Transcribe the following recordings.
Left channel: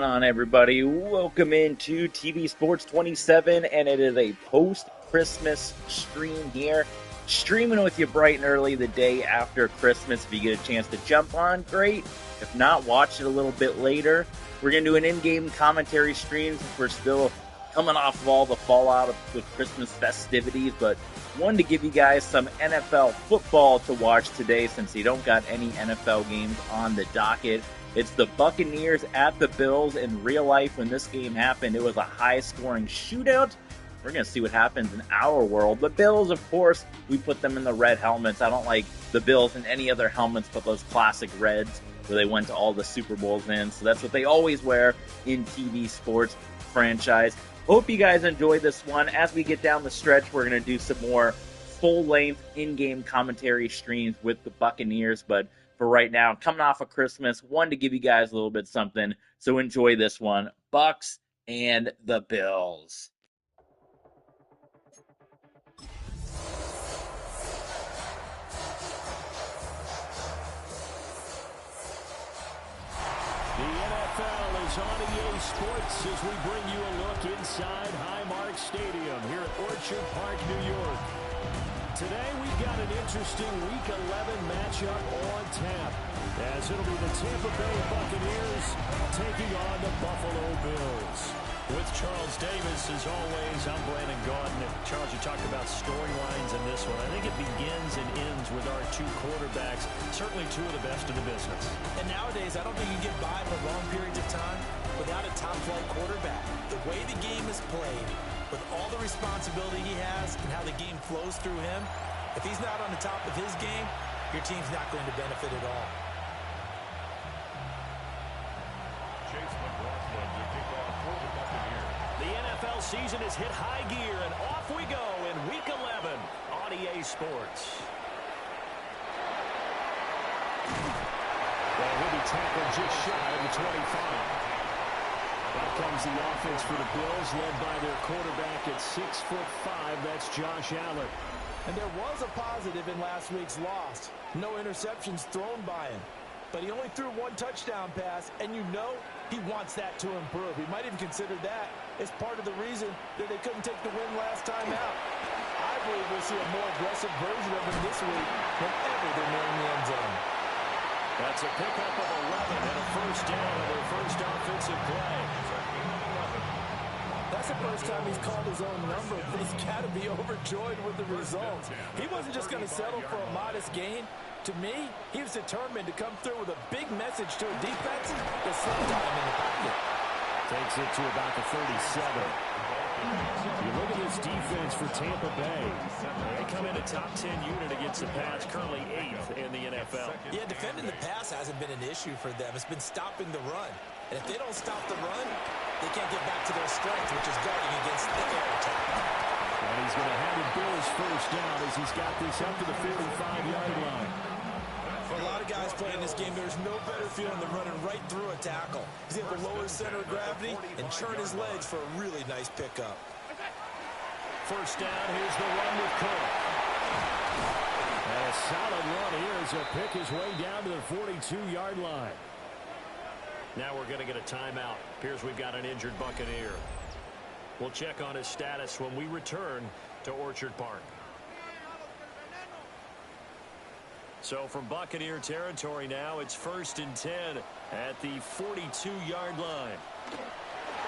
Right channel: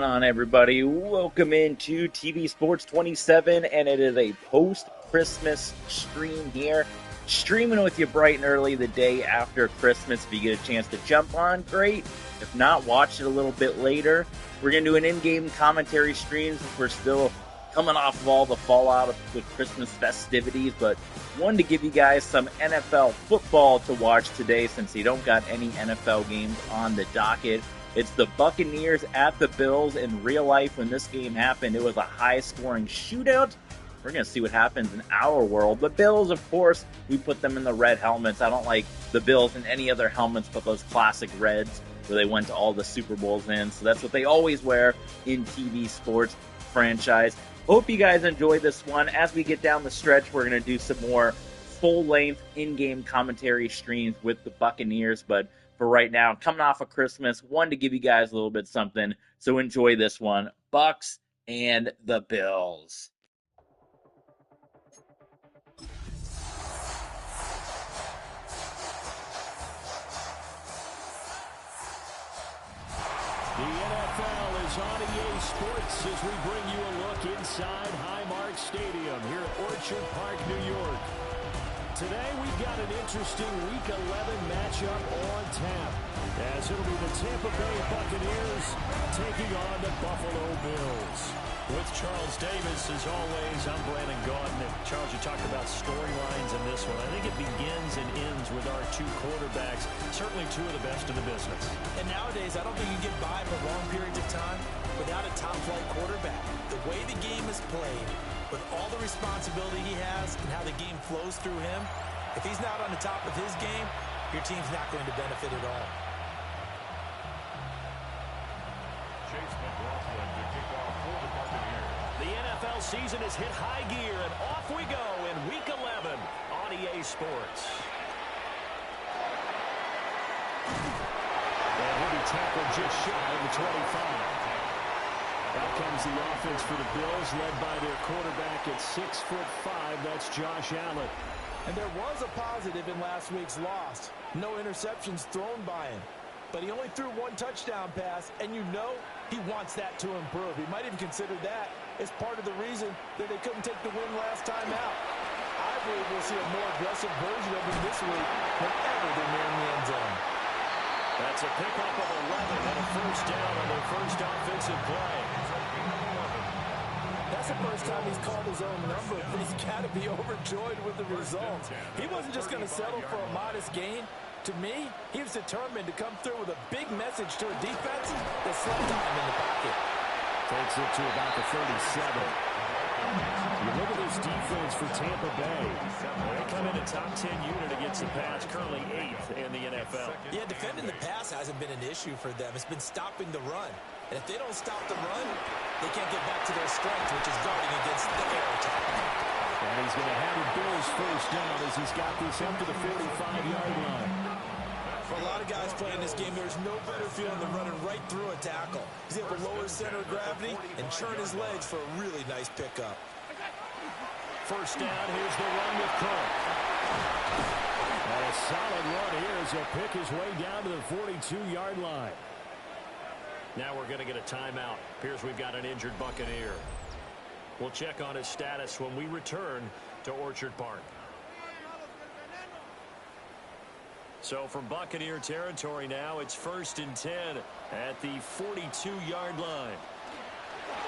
On everybody, welcome into TV Sports 27, and it is a post-Christmas stream here, streaming with you bright and early the day after Christmas. If you get a chance to jump on, great. If not, watch it a little bit later. We're going to do an in-game commentary stream since we're still coming off of all the fallout of the Christmas festivities, but wanted to give you guys some NFL football to watch today since you don't got any NFL games on the docket. It's the Buccaneers at the Bills. In real life, when this game happened, it was a high-scoring shootout. We're going to see what happens in our world. The Bills, of course, we put them in the red helmets. I don't like the Bills in any other helmets but those classic reds where they went to all the Super Bowls in. So that's what they always wear in TV sports franchise. Hope you guys enjoy this one. As we get down the stretch, we're going to do some more full-length in-game commentary streams with the Buccaneers, but for right now, coming off of Christmas, wanted to give you guys a little bit something, so enjoy this one. Bucs and the Bills. The NFL is on EA Sports as we bring you a look inside Highmark Stadium here at Orchard Park, New York. Today we've got an interesting Week 11 matchup on tap, as it'll be the Tampa Bay Buccaneers taking on the Buffalo Bills. With Charles Davis, as always, I'm Brandon Gaudin. And Charles, you talked about storylines in this one. I think it begins and ends with our two quarterbacks, certainly two of the best in the business. And nowadays, I don't think you can get by for long periods of time without a top-flight quarterback. The way the game is played, with all the responsibility he has and how the game flows through him, if he's not on the top of his game, your team's not going to benefit at all. Chase McLaughlin to kick off for the Buccaneers. The NFL season has hit high gear, and off we go in Week 11 on EA Sports. And he'll be tackled just shy of the 25. Out comes the offense for the Bills, led by their quarterback at 6'5". That's Josh Allen. And there was a positive in last week's loss. No interceptions thrown by him. But he only threw one touchdown pass, and you know he wants that to improve. He might even consider that as part of the reason that they couldn't take the win last time out. I believe we'll see a more aggressive version of him this week whenever they're nearing the end zone. That's a pickup of 11 and a first down on their first offensive play. That's the first time he's called his own number, but he's got to be overjoyed with the results. He wasn't just going to settle for a modest gain. To me, he was determined to come through with a big message to a defense that slept on him in the pocket. Takes it to about the 37. You look at this defense for Tampa Bay. They come in a top 10 unit against the pass, currently 8th in the NFL. Yeah, defending the pass hasn't been an issue for them. It's been stopping the run. And if they don't stop the run, they can't get back to their strength, which is guarding against the air attack. And he's going to have the Bills first down as he's got this up to the 45-yard line. For a lot of guys playing this game, there's no better feeling than running right through a tackle. He's able to lower his center of gravity and churn his legs for a really nice pickup. First down, here's the run with Cook. And a solid run here as he'll pick his way down to the 42-yard line. Now we're going to get a timeout. Appears we've got an injured Buccaneer. We'll check on his status when we return to Orchard Park. So from Buccaneer territory now, it's 1st and 10 at the 42-yard line.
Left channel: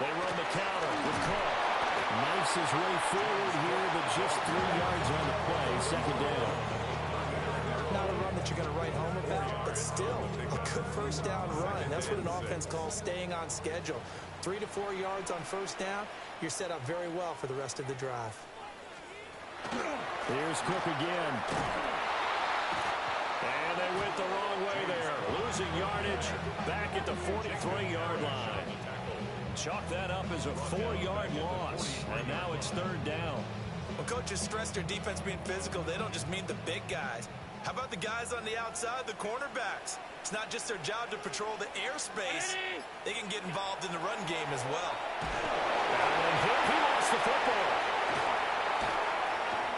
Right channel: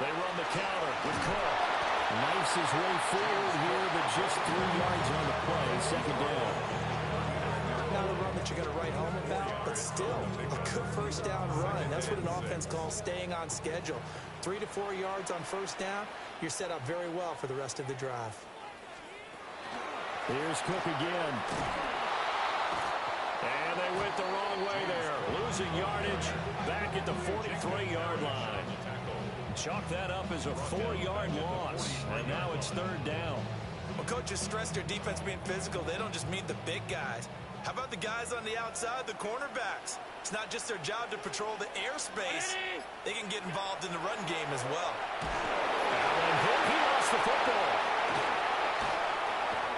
They run the counter with Cook. Knifes his way forward here, but just 3 yards on the play, second down. Not a run that you're going to write home about, but still a good first down run. That's what an offense calls staying on schedule. 3 to 4 yards on first down, you're set up very well for the rest of the drive. Here's Cook again. And they went the wrong way there. Losing yardage back at the 43-yard line. Chalk that up as a 4-yard loss. And now it's 3rd down. When coaches stress their defense being physical, they don't just mean the big guys. How about the guys on the outside, the cornerbacks? It's not just their job to patrol the airspace. They can get involved in the run game as well. Allen hit. He lost the football.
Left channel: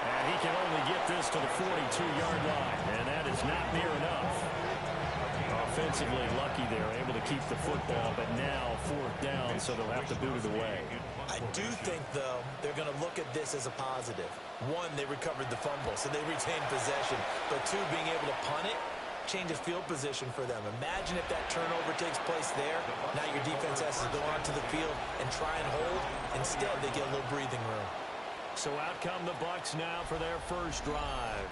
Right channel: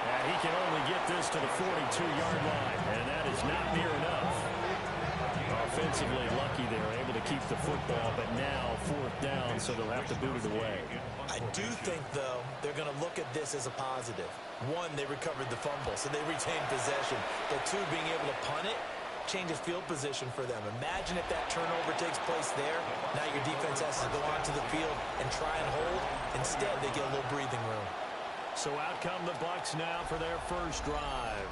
And he can only get this to the 42-yard line. And that is not near enough. A defensively lucky there, able to keep the football, but now 4th down, so they'll have to boot it away. I do think, though, they're going to look at this as a positive. One, they recovered the fumble, so they retained possession. But two, being able to punt it changes field position for them. Imagine if that turnover takes place there. Now your defense has to go onto the field and try and hold. Instead, they get a little breathing room. So out come the Bucs now for their first drive.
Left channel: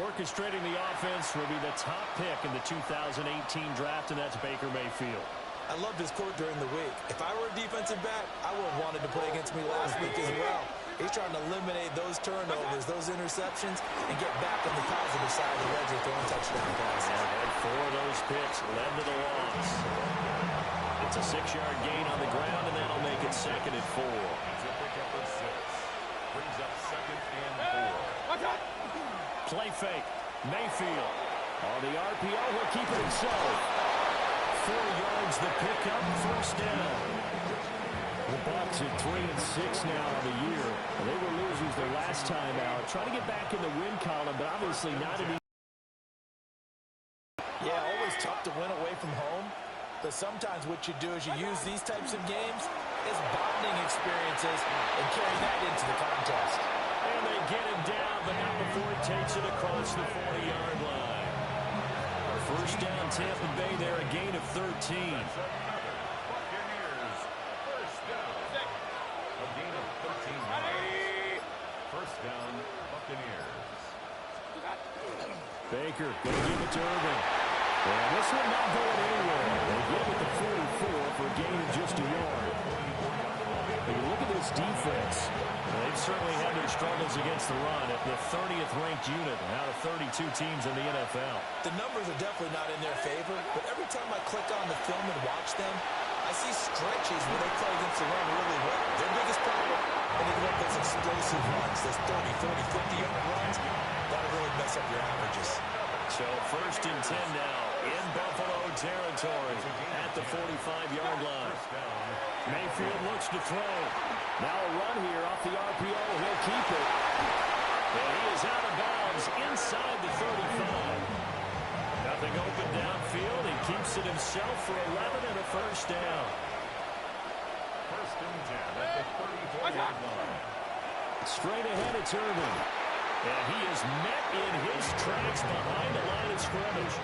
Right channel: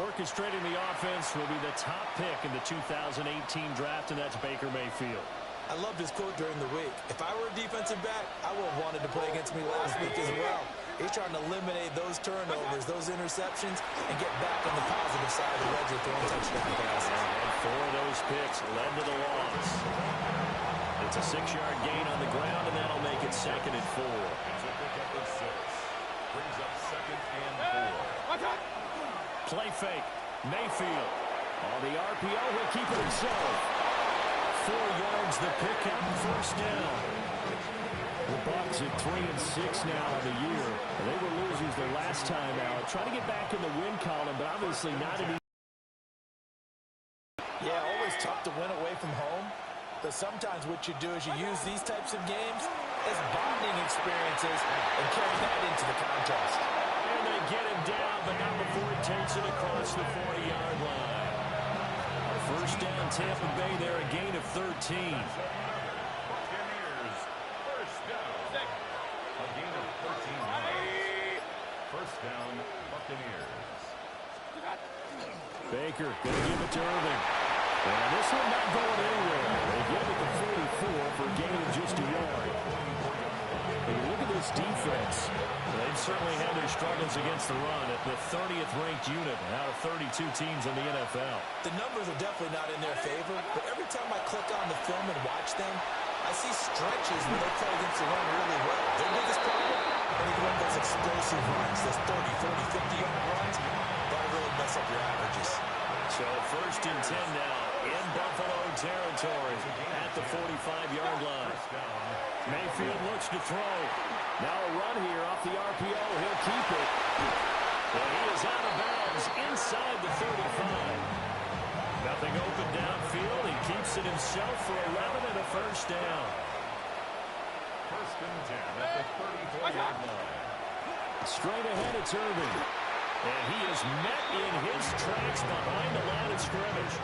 Orchestrating the offense will be the top pick in the 2018 draft, and that's Baker Mayfield. I loved his quote during the week. If I were a defensive back, I would have wanted to play against me last week as well. He's trying to eliminate those turnovers, those interceptions, and get back on the positive side of the ledger throwing touchdown passes. And had 4 of those picks led to the loss. It's a 6-yard gain on the ground, and that'll make it 2nd and 4. It's a pickup of 6. Brings up 2nd and 4. Play fake. Mayfield. On the RPO, he'll keep it himself. 4 yards the pickup, 1st down. The Bucs at 3-6 now on the year. They were losers their last time out. Trying to get back in the win column, but obviously not an easy. Yeah, always tough to win away from home. But sometimes what you do is you use these types of games as bonding experiences and carry that into the contest. And they get him down, but not before he takes it across the 40-yard line. Our 1st down, Tampa Bay there, a gain of 13. Buccaneers, 1st down. A gain of 13 yards. 1st down, Buccaneers. Baker going to give it to Irving. And this one not going anywhere. They get him at the 44 for a gain of just a yard. But you look at this defense. They've certainly had their struggles against the run at the 30th ranked unit out of 32 teams in the NFL. The numbers are definitely not in their favor, but every time I click on the film and watch them, I see stretches where they play against the run really well. Their biggest problem, when they get those explosive runs, those 30, 40, 50-yard runs, that'll really mess up your averages. So 1st and 10 now in Buffalo territory at the 45-yard line. Mayfield looks to throw. Now a run here off the RPO. He'll keep it. And he is out of bounds inside the 35. Nothing open downfield. He keeps it himself for 11 and a 1st down. 1st and 10 at the 34-yard line. Straight ahead, it's Irving. And he is met in his tracks behind the line of scrimmage.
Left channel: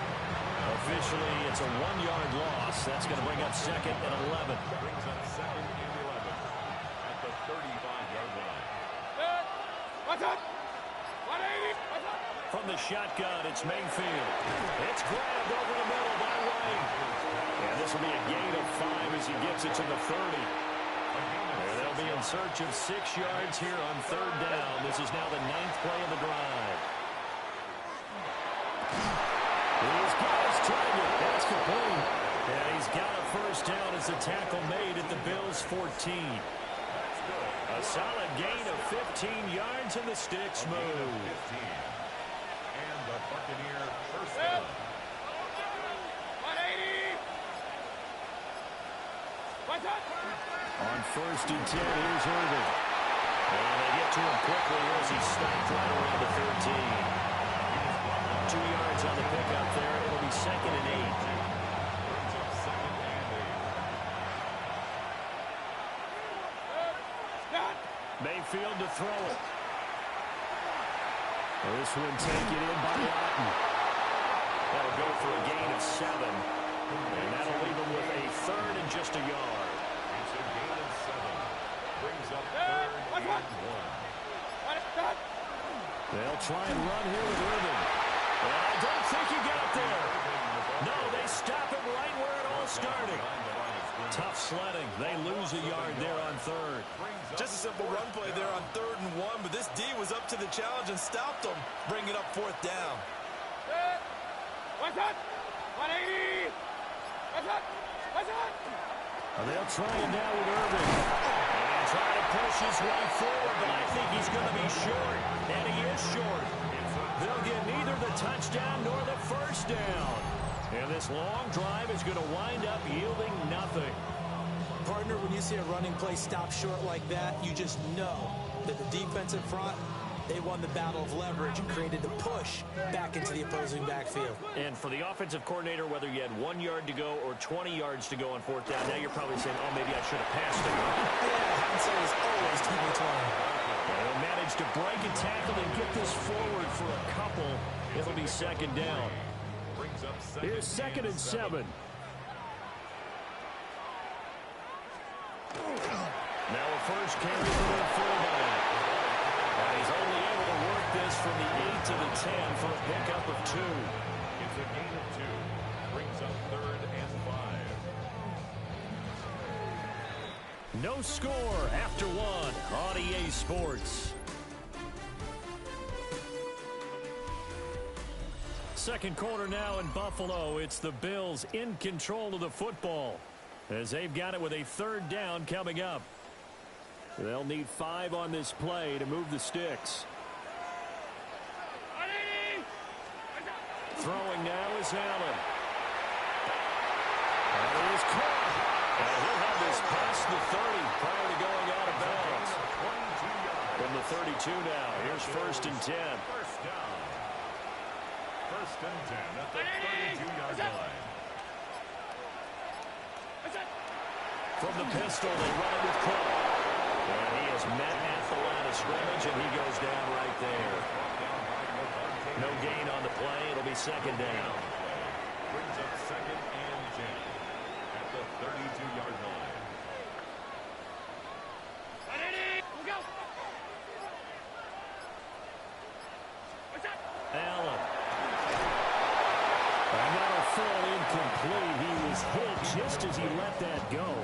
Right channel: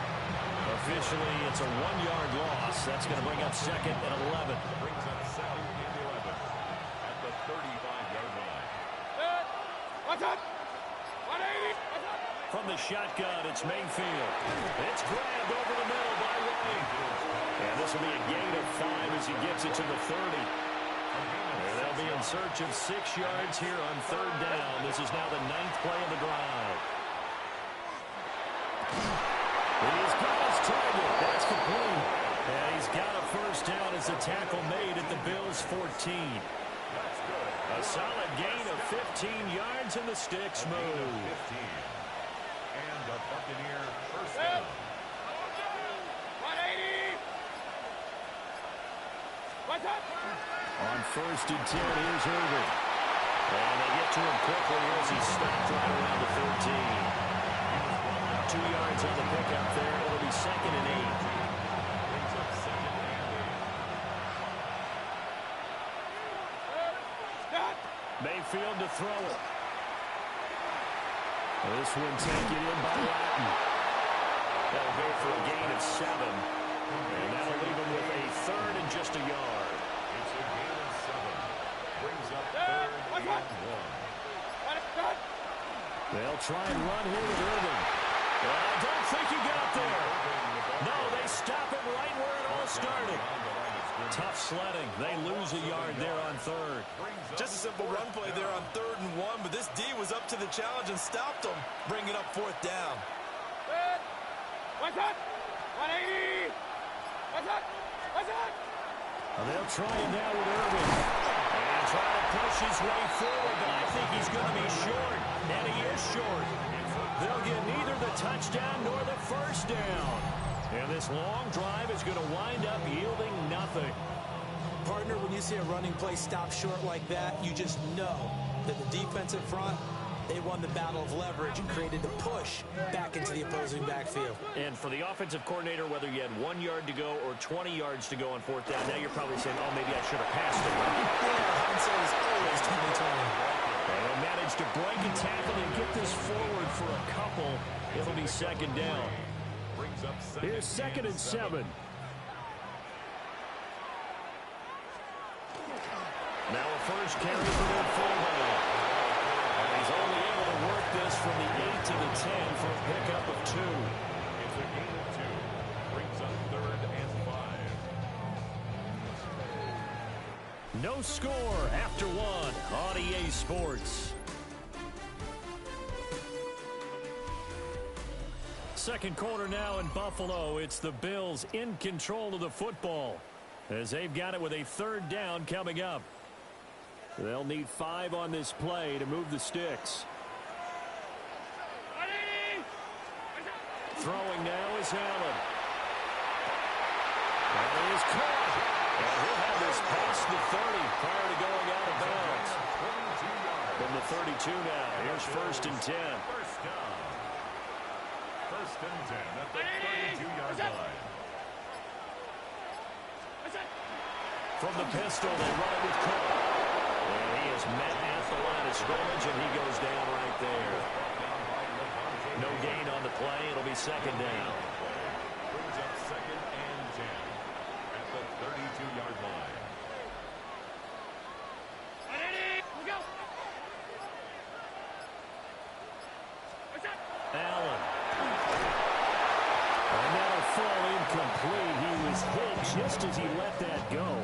Officially, it's a 1-yard loss. That's going to bring up 2nd and 11. Brings up 2nd and 11 at the 35-yard line. From the shotgun, it's Mayfield. It's grabbed over the middle by White. And this will be a gain of 5 as he gets it to the 30. And they'll be in search of 6 yards here on 3rd down. This is now the 9th play of the drive. He's got his target. That's complete. And he's got a 1st down as the tackle made at the Bills' 14. That's good. A solid gain of 15 yards, and the sticks move. 15. And the Buccaneer 1st down. 180. On 1st and 10, here's Irving. And they get to him quickly as he stopped right around the 13. 2 yards on the pickup there. It'll be 2nd and 8. Brings up 2nd and 8. Mayfield to throw it. This one taken in by Otten. That'll go for a gain of 7. And that'll leave him with a 3rd and just a yard. It's a gain of 7. Brings up 3rd and 1. They'll try and run here with Irving. And I don't think he got there. No, they stop him right where it all started. Tough sledding. They lose a yard there on 3rd. Just a simple run play there on 3rd and 1, but this D was up to the challenge and stopped them, bringing up 4th down. 180. They'll try it now with Irving. And try to push his way forward, but I think he's going to be short. And he is short. They'll get neither the touchdown nor the 1st down. And this long drive is going to wind up yielding nothing. Partner, when you see a running play stop short like that, you just know that the defensive front They won the battle of leverage and created a push back into the opposing backfield. And for the offensive coordinator, whether you had 1 yard to go or 20 yards to go on fourth down, now you're probably saying, oh, maybe I should have passed it. Yeah, hindsight is always 20/20. They'll manage to break a tackle and get this forward for a couple. It'll be second down. Here's 2nd and 7. Now a first carry for their fullback. And he's only able to work this from the 8 to the 10 for a pickup of 2. It's a gain of 2. Brings up 3rd and 5. No score after 1 on EA Sports. Second quarter now in Buffalo. It's the Bills in control of the football as they've got it with a 3rd down coming up. They'll need 5 on this play to move the sticks. Throwing now is Allen. And he is caught. And he'll have this past the 30 prior to going out of bounds. From the 32 now. Here's 1st and 10. First down. 1st and 10 at the 32-yard line. From the pistol, they run it with Cook. And he is met at the line of scrimmage, and he goes down right there. No gain on the play. It'll be 2nd down. Brings up 2nd and 10 at the 32-yard line. Allen. And that'll fall incomplete. He was hit just as he let that go.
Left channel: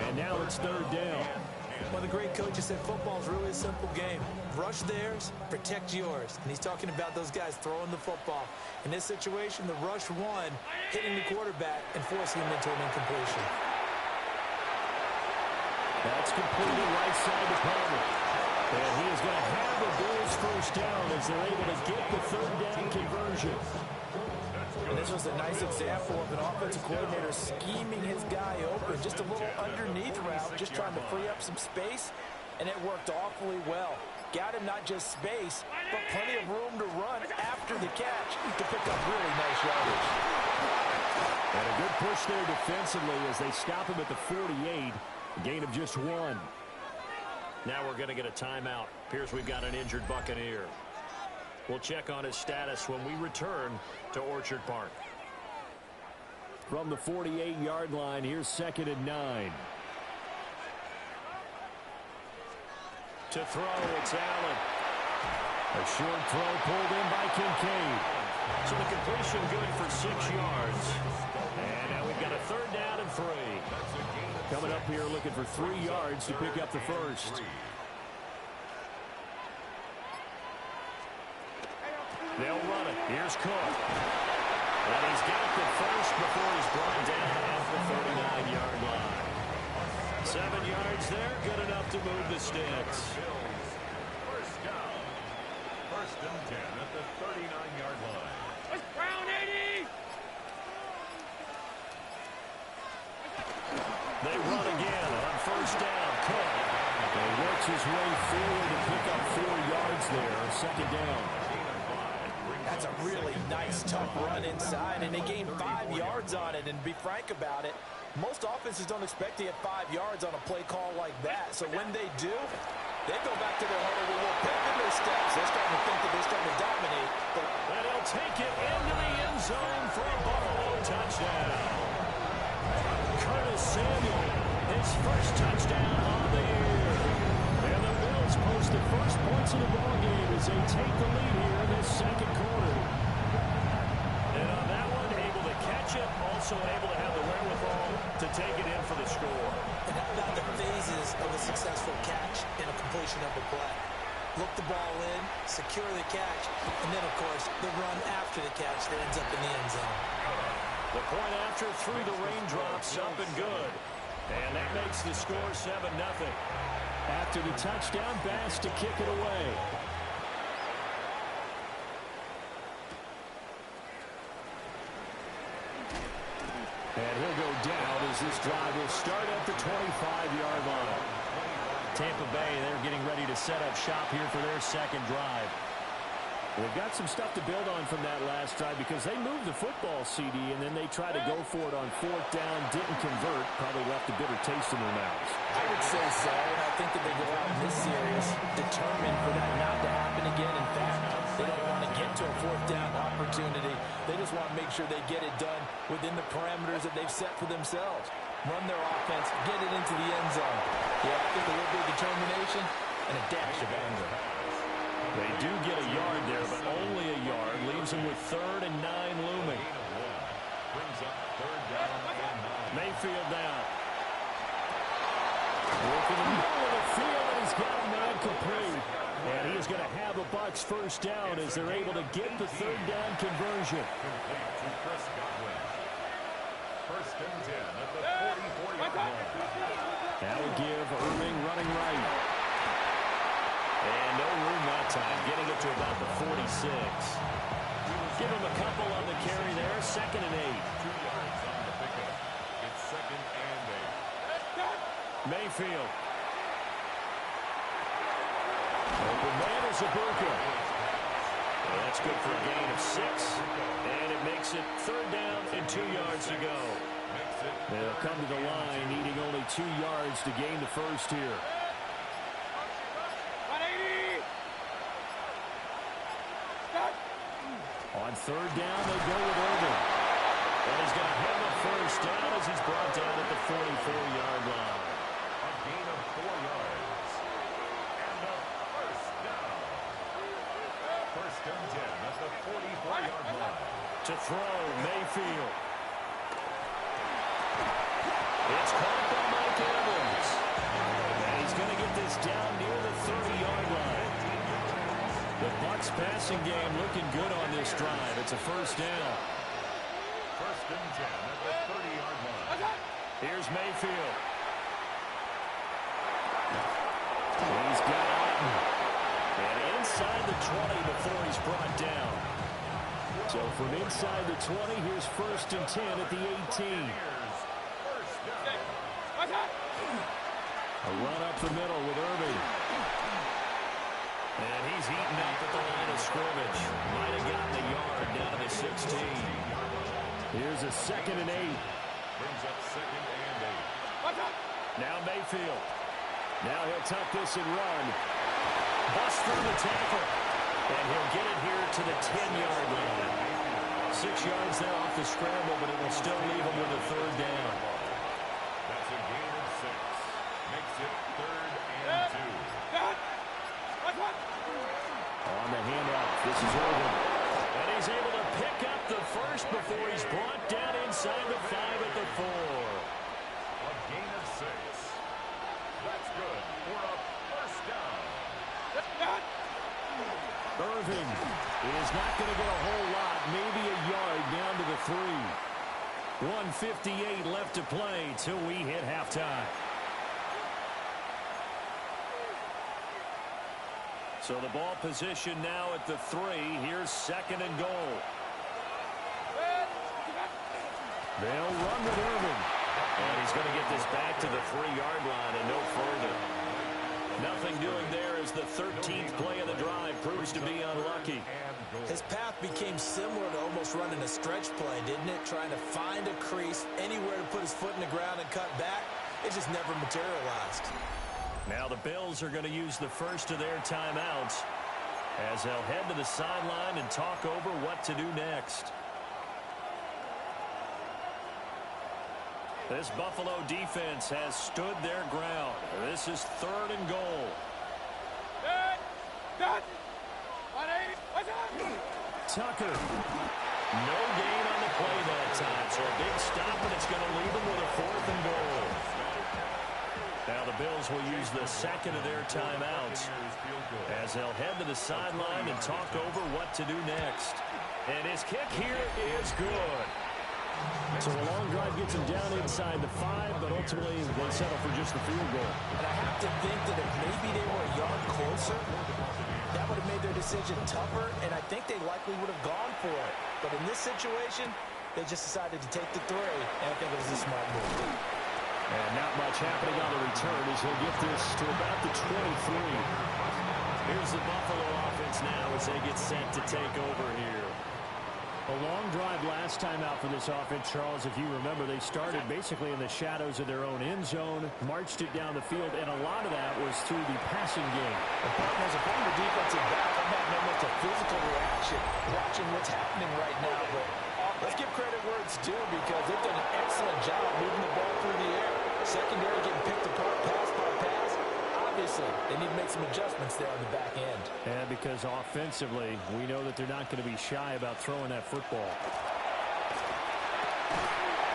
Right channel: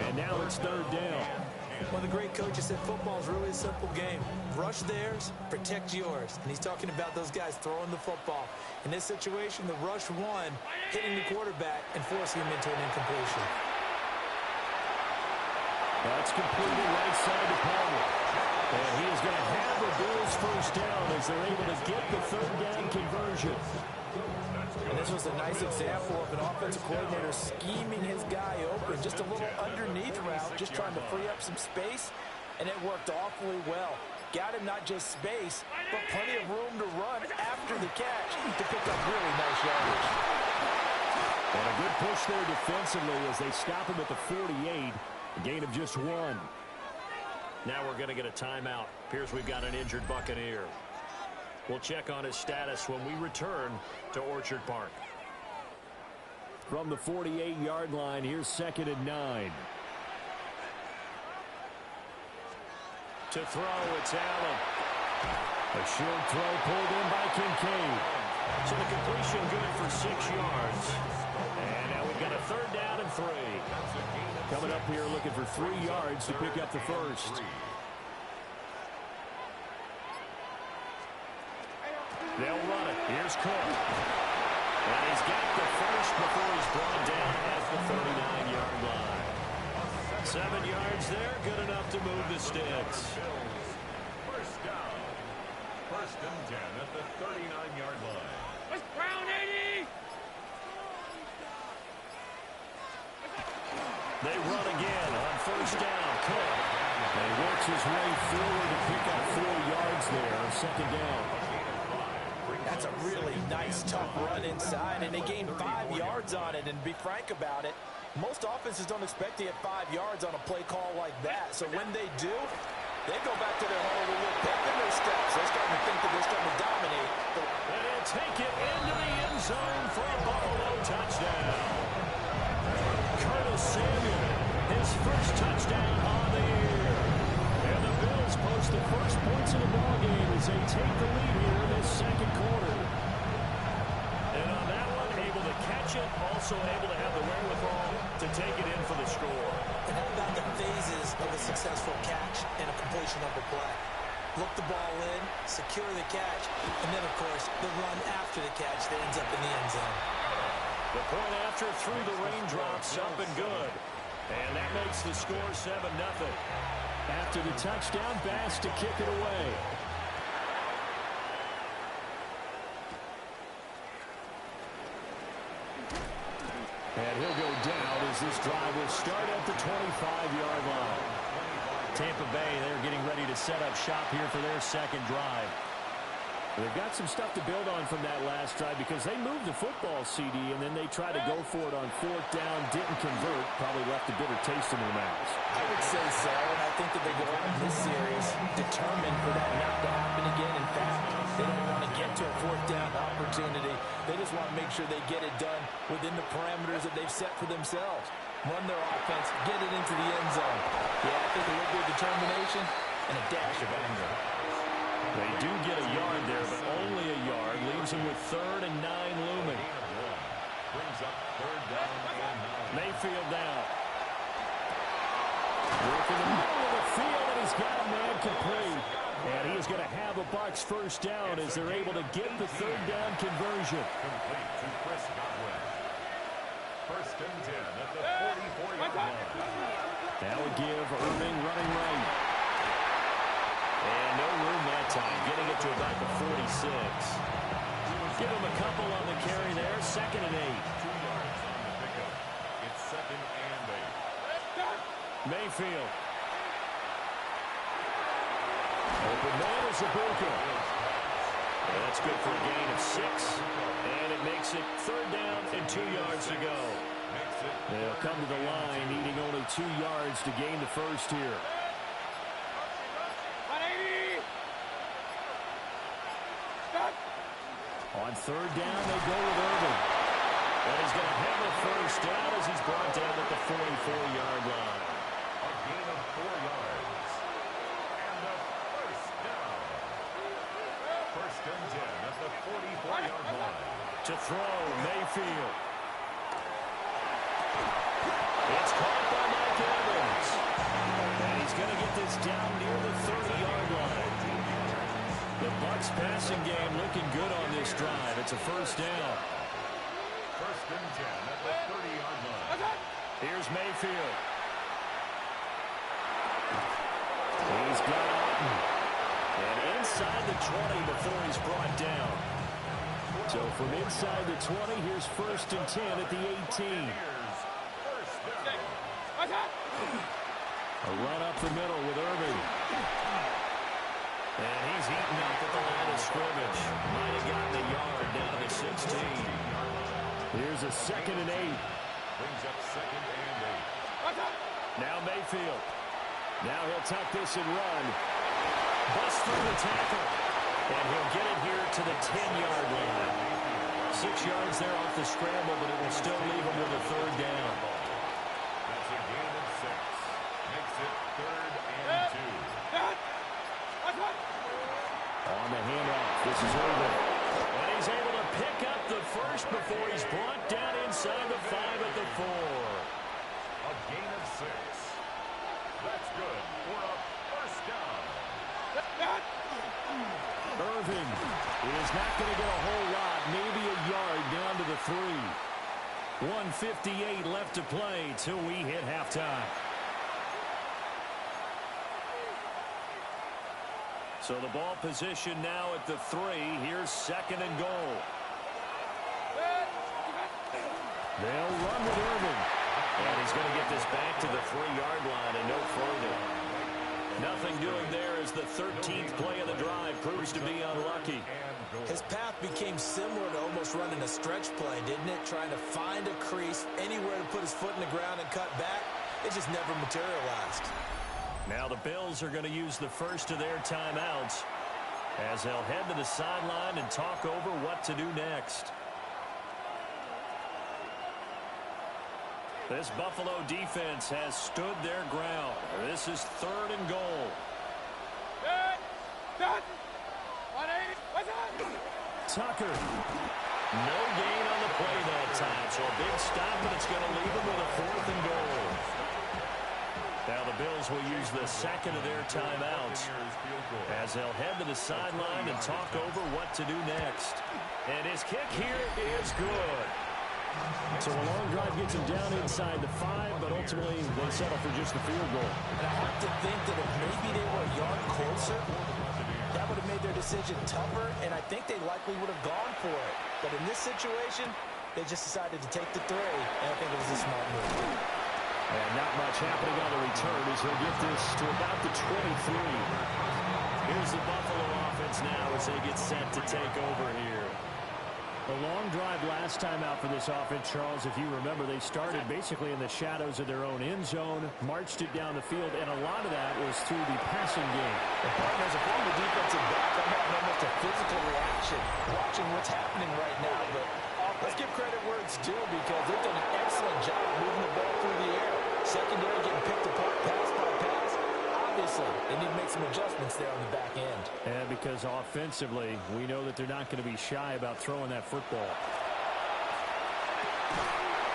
And now it's 3rd down. One of the great coaches said football is really a simple game. Rush theirs, protect yours. And he's talking about those guys throwing the football. In this situation, the rush won, hitting the quarterback and forcing him into an incompletion. That's completed right side to Palmer. And he is going to have the Bills first down as they're able to get the 3rd down conversion. And this was a nice example of an offensive coordinator scheming his guy open. Just a little underneath route, just trying to free up some space, and it worked awfully well. Got him not just space, but plenty of room to run after the catch to pick up really nice yardage. And a good push there defensively as they stop him at the 48. A gain of just 1. Now we're going to get a timeout. Appears we've got an injured Buccaneer. We'll check on his status when we return to Orchard Park. From the 48-yard line, here's 2nd and 9. To throw, it's Allen. A short throw pulled in by Kincaid. So the completion good for 6 yards. And now we've got a 3rd down and 3. Coming up here looking for 3 yards to pick up the first. They'll run it. Here's Cook. And he's got the first before he's brought down at the 39-yard line. 7 yards there, good enough to move the sticks. First down. 1st and 10 at the 39-yard line. Brown 80! They run again on 1st down. Cook. And he works his way forward to pick up 4 yards there on 2nd down. That's a really nice, tough run inside, and they gained 5 yards on it. And to be frank about it, most offenses don't expect to get 5 yards on a play call like that. So when they do, they go back to their huddle with a little pep in their steps. They're starting to think that they're starting to dominate. And he'll take it into the end zone for a Buffalo touchdown. Curtis Samuel, his first touchdown on the year. And the Bills post the first points of the ballgame as they take the lead here in this 2nd quarter. And on that one, able to catch it, also able to have the wherewithal to take it in for the score. And how about the phases of a successful catch and a completion of a play? Look the ball in, secure the catch, and then, of course, the run after the catch that ends up in the end zone. The point after through the raindrops up and good. And that makes the score 7-0. After the touchdown, Bass to kick it away. And he'll go down as this drive will start at the 25-yard line. Tampa Bay, they're getting ready to set up shop here for their second drive. They've got some stuff to build on from that last drive because they moved the football, CD, and then they tried to go for it on fourth down, didn't convert, probably left a bitter taste in their mouths. I would say so, and I think that they go out in this series determined for that not to happen again. In fact, they don't want to get to a fourth down opportunity. They just want to make sure they get it done within the parameters that they've set for themselves. Run their offense, get it into the end zone. Yeah, I think a little bit of determination and a dash of anger. They do get a yard there, but only a yard. Leaves them with 3rd and 9 looming. Brings up 3rd down and 9. Mayfield down. Working the middle of the field, and he's got a man complete. And he is going to have the Bucs first down as they're able to get the 3rd down conversion. Complete to Chris Godwin. 1st and 10 at the 44-yard line. Now we give Irving running right. And no room that time, getting it to about the 46. Give him a couple on the carry there, 2nd and 8. 2 yards on the pickup. It's 2nd and 8. Mayfield. Open man is Ibuka. That's good for a gain of 6. And it makes it 3rd down and 2 yards to go. They'll come to the line, needing only 2 yards to gain the first here. On 3rd down, they go with Irving. And he's going to have a first down as he's brought down at the 44-yard line. A gain of 4 yards. And a first down. 1st and 10 at the 44-yard line. To throw, Mayfield. It's caught by Mike Evans. And he's going to get this down near the 30-yard line. The Bucs passing game looking good on this drive. It's a first down. 1st and 10 at the 30-yard line. Here's Mayfield. He's got Otten. And inside the 20 before he's brought down. So from inside the 20, here's 1st and 10 at the 18. A run up the middle with Irving. And he's eaten up at the line of scrimmage. Might have gotten a yard down to the 16. Here's a 2nd and 8. Brings up 2nd and 8. Now Mayfield. Now he'll tuck this and run. Bust through the tackle. And he'll get it here to the 10-yard line. 6 yards there off the scramble, but it will still leave him with a 3rd down. That's a gain of 6. Makes it 3rd and 2. On the handoff, this is Irving. And he's able to pick up the first before he's brought down inside the 5 at the 4. A gain of 6. That's good for a first down. Irving is not going to get a whole lot, maybe a yard down to the 3. 1:58 left to play till we hit halftime. So the ball position now at the 3. Here's 2nd and goal. They'll run with Irving. And he's going to get this back to the 3-yard line and no further. Nothing doing there as the 13th play of the drive proves to be unlucky. His path became similar to almost running a stretch play, didn't it? Trying to find a crease, anywhere to put his foot in the ground and cut back. It just never materialized. Now the Bills are going to use the first of their timeouts as they'll head to the sideline and talk over what to do next. This Buffalo defense has stood their ground. This is 3rd and goal. Tucker. No gain on the play that time, so a big stop, and it's going to leave them with a 4th and goal. Now the Bills will use the 2nd of their timeouts as they'll head to the sideline and talk over what to do next. And his kick here is good. So a long drive gets him down inside the 5, but ultimately they settle for just the field goal. And I have to think that if maybe they were a yard closer, that would have made their decision tougher, and I think they likely would have gone for it. But in this situation, they just decided to take the 3, and I think it was a smart move. And not much happening on the return as he'll get this to about the 23. Here's the Buffalo offense now as they get set to take over here. A long drive last time out for this offense, Charles. If you remember, they started basically in the shadows of their own end zone, marched it down the field, and a lot of that was through the passing game. And partner, as a former defensive back, I'm having almost a physical reaction watching what's happening right now. But let's give credit where it's due because they've done an excellent job moving the ball through the air. Secondary getting picked apart pass by pass. Obviously, they need to make some adjustments there on the back end. And because offensively, we know that they're not going to be shy about throwing that football.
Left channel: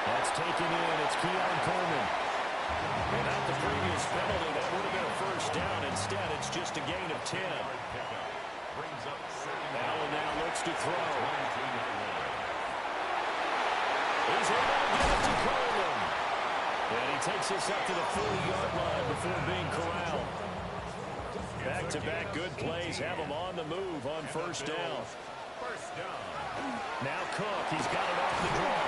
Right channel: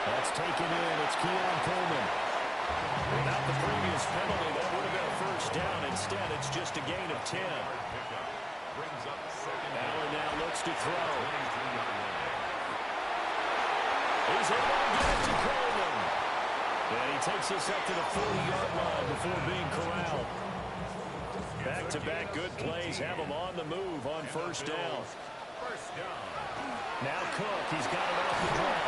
That's taken in. It's Keon Coleman. Without the previous penalty, that would have been a first down. Instead, it's just a gain of 10. Allen now looks to throw. He's able to get it to Coleman. And he takes us up to the 40-yard line before being corralled. Back-to-back good plays have him on the move on first down. Now Cook, he's got it off the draw.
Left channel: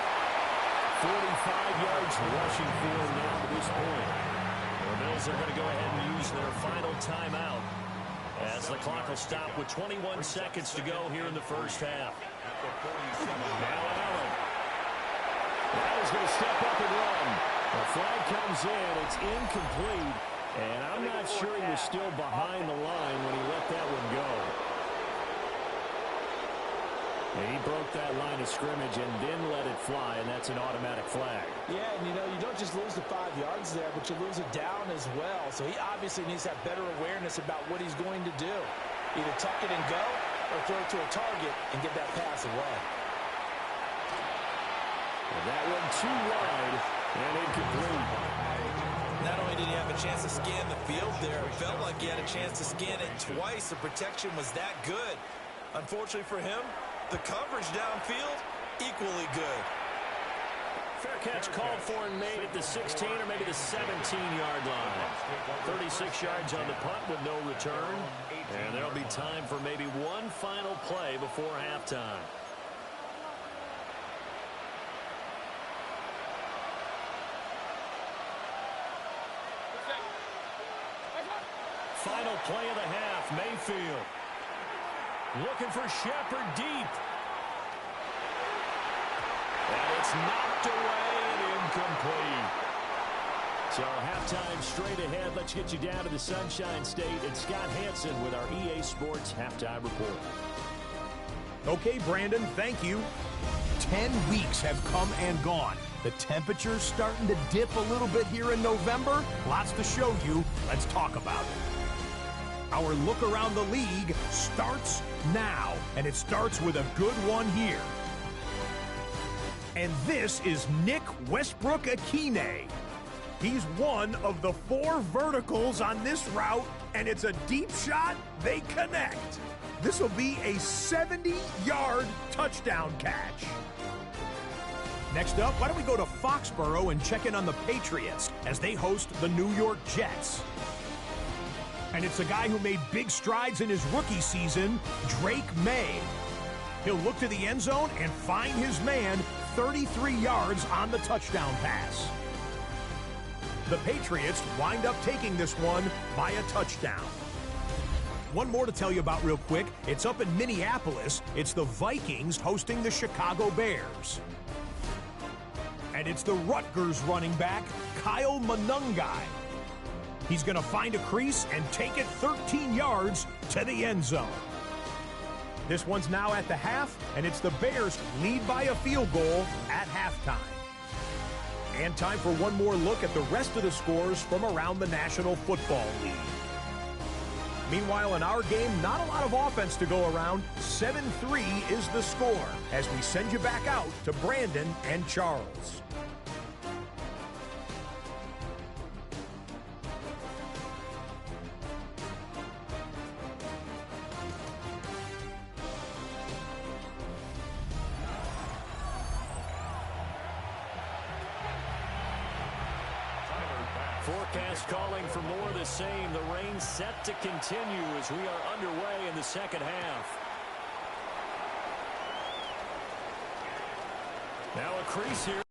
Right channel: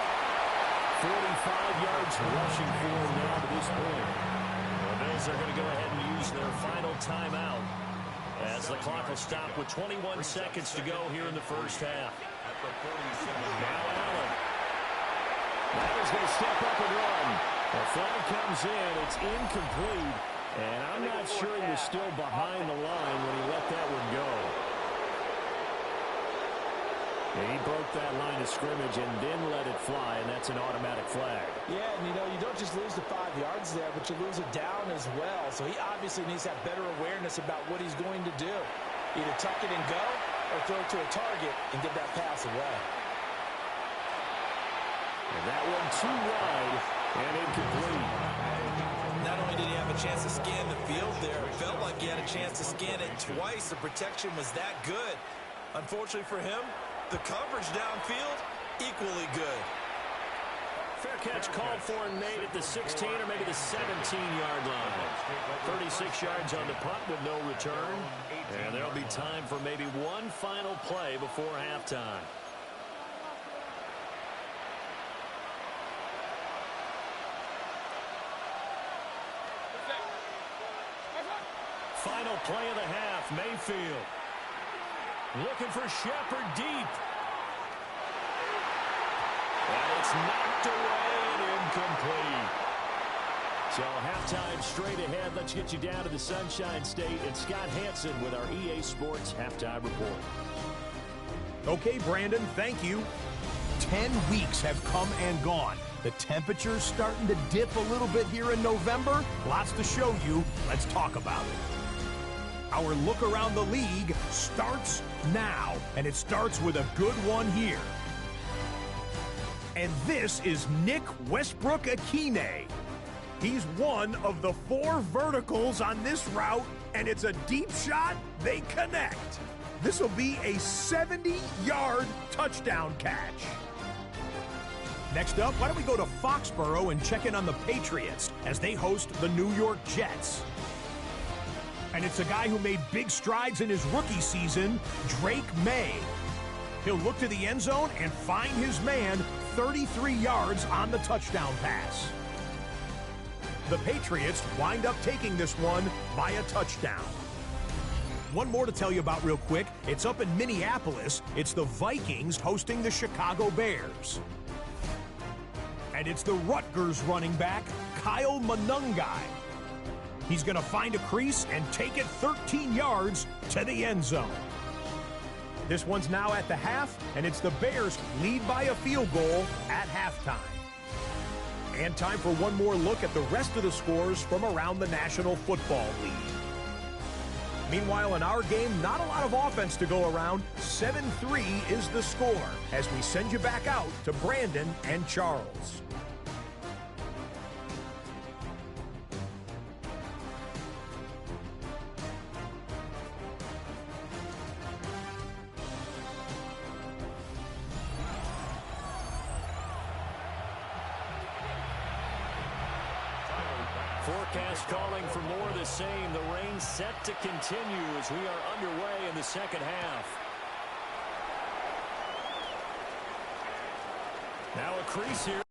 45 yards rushing for him now to this point. The Bills are going to go ahead and use their final timeout as the clock will stop with 21 seconds to go here in the first half. Now Allen. Now he's going to step up and run. The flag comes in. It's incomplete. And I'm not sure he was still behind the line when he let that one go. And he broke that line of scrimmage and then let it fly, and that's an automatic flag. Yeah, and you know, you don't just lose the 5 yards there, but you lose it down as well. So he obviously needs to have better awareness about what he's going to do. Either tuck it and go or throw it to a target and get that pass away. And that one too wide and incomplete. Not only did he have a chance to scan the field there, it felt like he had a chance to scan it twice. The protection was that good. Unfortunately for him, the coverage downfield, equally good. Fair catch called for and made at the 16 or maybe the 17-yard line. 36 yards on the punt with no return. And there'll be time for maybe one final play before halftime. Final play of the half, Mayfield. Looking for Shepard deep. And it's knocked away and incomplete. So halftime straight ahead. Let's get you down to the Sunshine State and Scott Hansen with our EA Sports Halftime Report. Okay, Brandon, thank you. 10 weeks have come and gone. The temperature's starting to dip a little bit here in November. Lots to show you. Let's talk about it. Our look around the league starts now, and it starts with a good one here. And this is Nick Westbrook-Akine. He's one of the 4 verticals on this route, and it's a deep shot. They connect. This will be a 70-yard touchdown catch. Next up, why don't we go to Foxborough and check in on the Patriots as they host the New York Jets. And it's a guy who made big strides in his rookie season, Drake May. He'll look to the end zone and find his man 33 yards on the touchdown pass. The Patriots wind up taking this one by a touchdown. One more to tell you about real quick. It's up in Minneapolis. It's the Vikings hosting the Chicago Bears. And it's the Rutgers running back, Kyle Monungai. He's going to find a crease and take it 13 yards to the end zone. This one's now at the half, and it's the Bears lead by a field goal at halftime. And time for one more look at the rest of the scores from around the National Football League. Meanwhile, in our game, not a lot of offense to go around. 7-3 is the score as we send you back out to Brandon and Charles. Forecast calling for more of the same. The rain set to continue as we are underway in the second half. Now a crease here.